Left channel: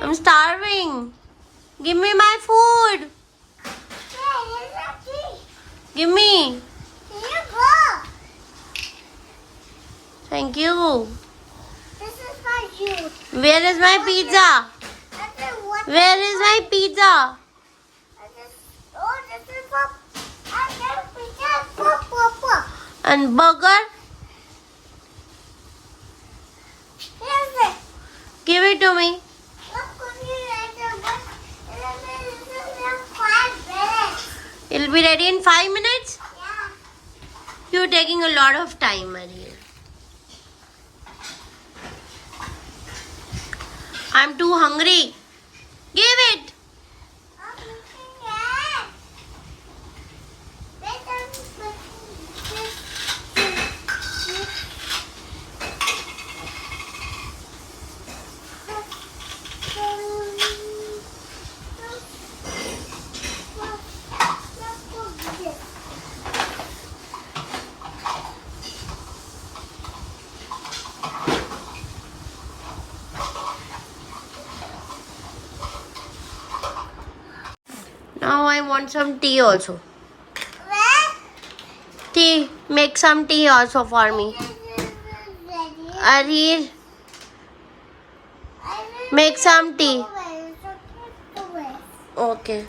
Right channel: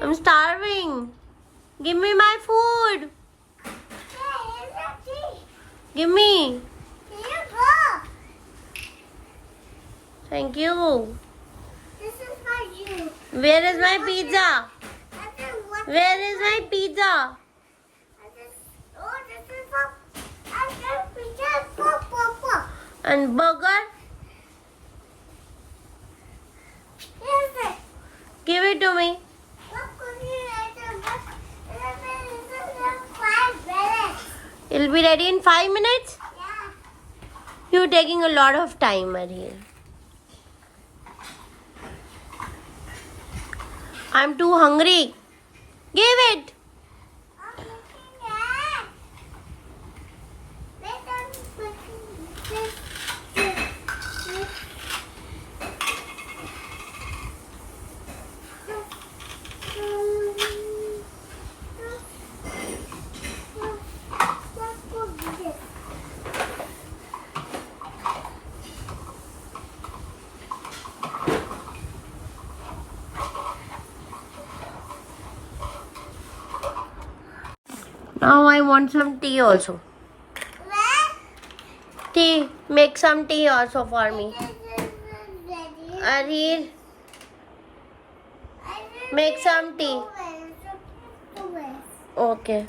I'm starving. Give me my food. Give me. Thank you. This is for you. Where is my pizza? Where is my pizza? This is for. I get pizza for Papa. And burger? Here's it. Give it to me. What could you later? But this is just 5 minutes. It'll be ready in 5 minutes? Yeah. You're taking a lot of time, Ariel. I'm too hungry. Give it. I'm looking at. Wait, I'm looking this. Now I want some tea also. Tea. Make some tea also for me. Ariel, make some tea. Okay.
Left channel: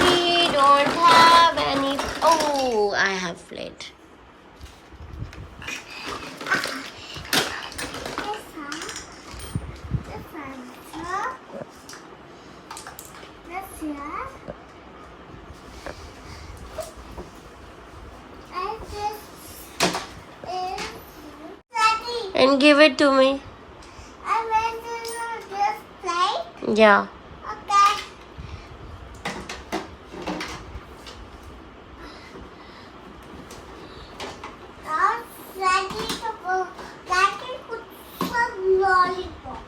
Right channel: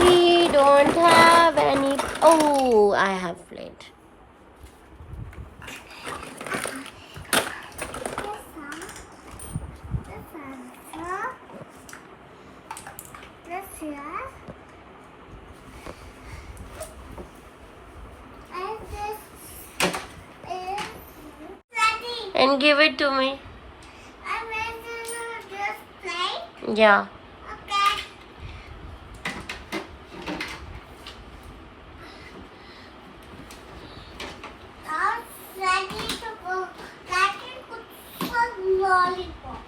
We don't have any. Oh, I have plate. And give it to me. Yeah. Okay. Now ready to go. That can put some lollipop.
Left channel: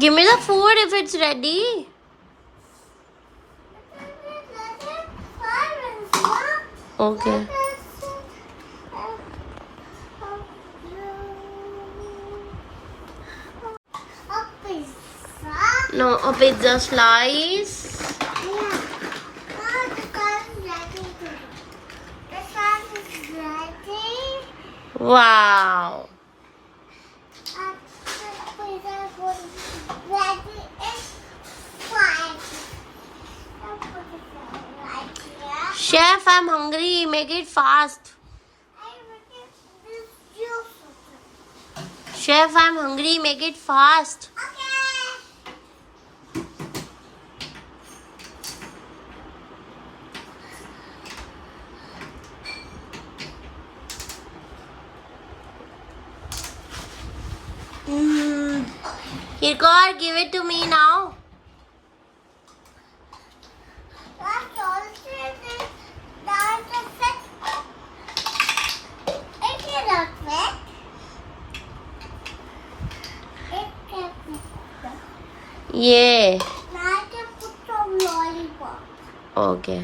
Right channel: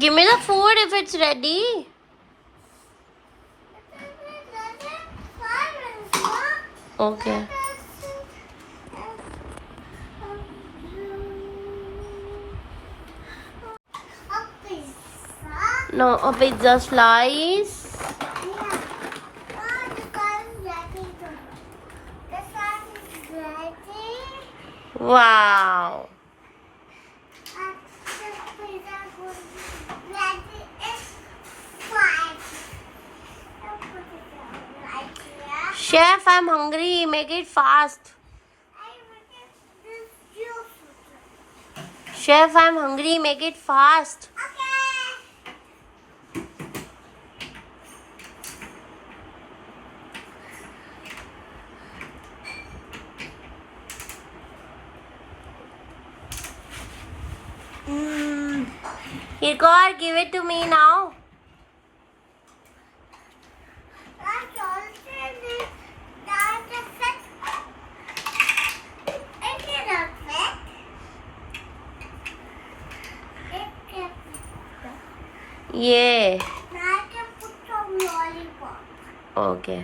Give me the food if it's ready. Okay. No, a pizza slice. Yeah. Now the sun is ready to go. The sun is ready. Wow. And the pizza is ready in 5. I'll put it right here. Chef, I'm hungry. Make it fast. I will get this juice. Chef, I'm hungry. Make it fast. Okay. Here, God, give it to me now. That's also this. Now it's a fit. It is not fit. It can fit. Yeah. Now I can put some lollipop. Okay.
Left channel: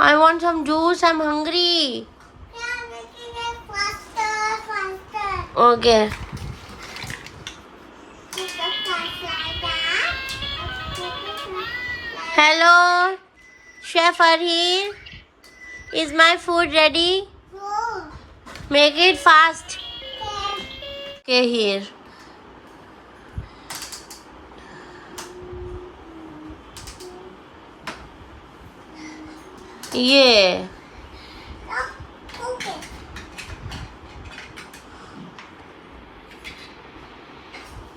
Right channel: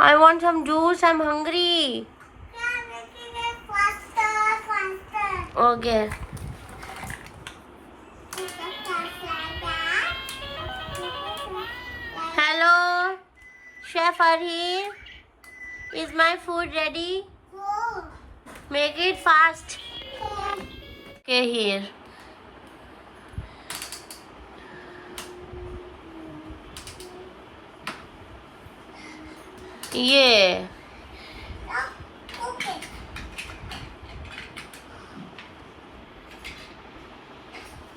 I want some juice. I'm hungry. Yeah, making it faster. Okay. Put the fast like that. Put it like Hello, Chef Arhir. Is my food ready? No. Make it fast. Okay. Okay, here. Yeah. No. Okay.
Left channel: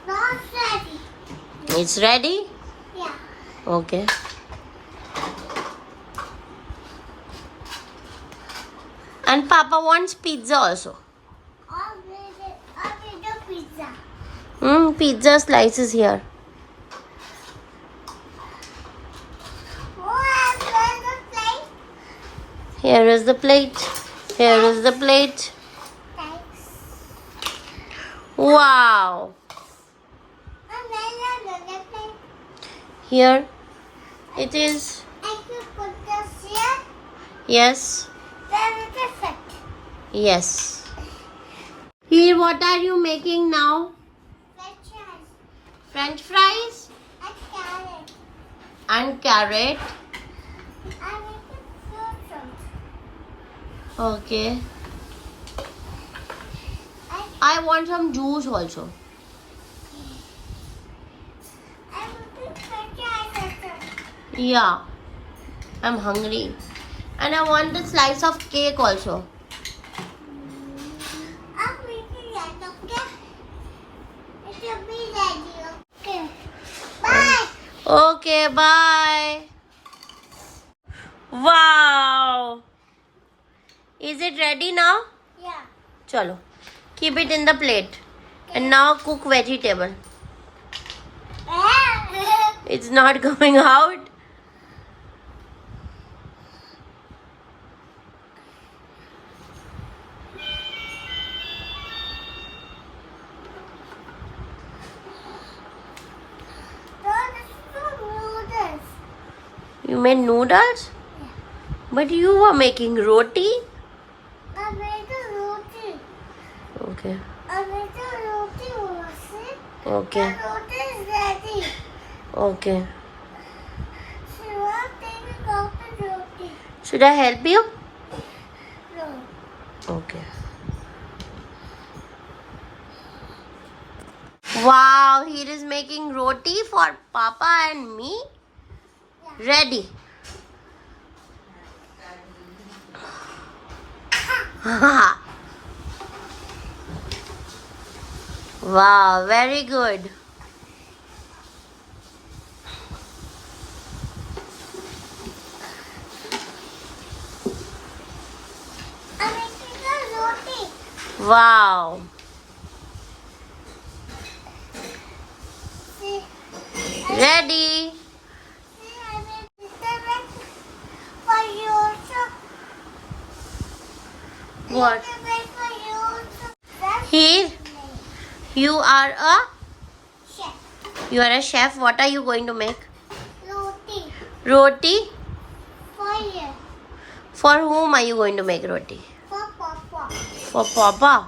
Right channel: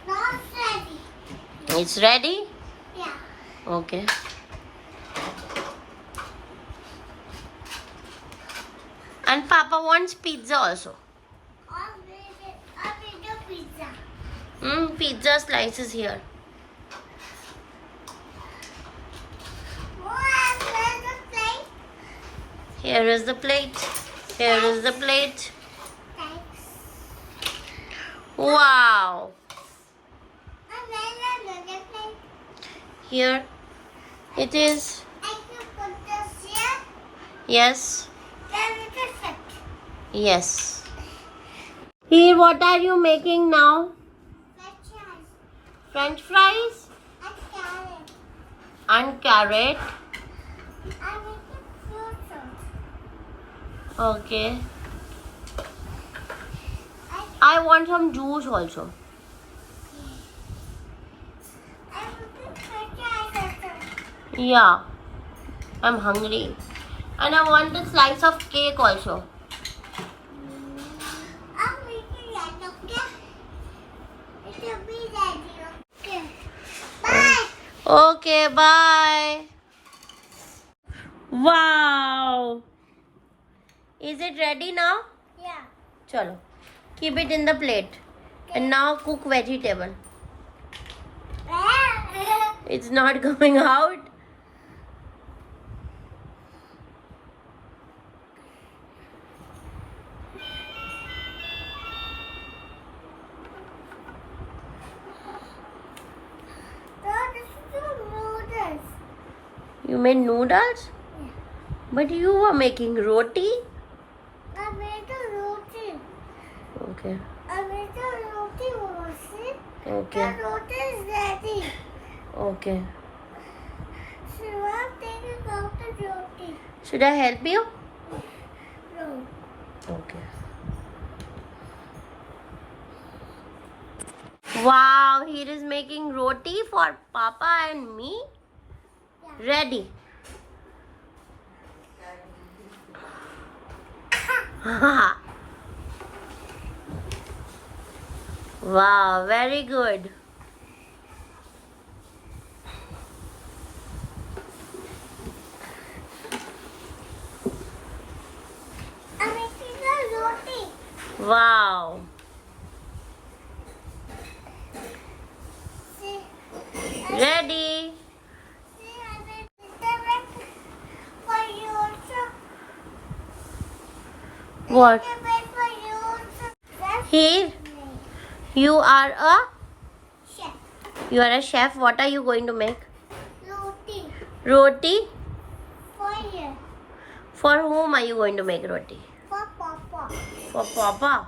Not ready. It's ready? Yeah. Okay. And Papa wants pizza also. I'll make the pizza. Pizza slices here. Oh, I'll make the plate. Here is the plate. Here is the plate. Thanks. Wow. And then another plate. Here it is. I can put this here. Yes. Then it's a fit. Yes. Here, what are you making now? Let's try. French fries And carrot. and carrot. I make a fruit. Okay. I I want some juice also. put the Yeah. I'm hungry. And I want a slice of cake also. I'm making that, okay? It will be ready, okay? Bye! Okay, bye. Wow. Is it ready now? Yeah. Chalo. Keep it in the plate. And now cook vegetable. It's not coming out. You made noodles? But you were making roti? I made a roti. Okay. I made a roti also. Okay. The roti is ready. Okay. So I'll take a cup of roti. Should I help you? No. Okay. Wow, he is making roti for Papa and me. Ready. Wow, very good. I'm making a roti. Wow. See, Ready. I made it for you also. What? I made for you also. That's Here, me. you are a Chef. chef. What are you going to make? Roti. Roti. For you. For whom are you going to make roti? For Papa. For Papa.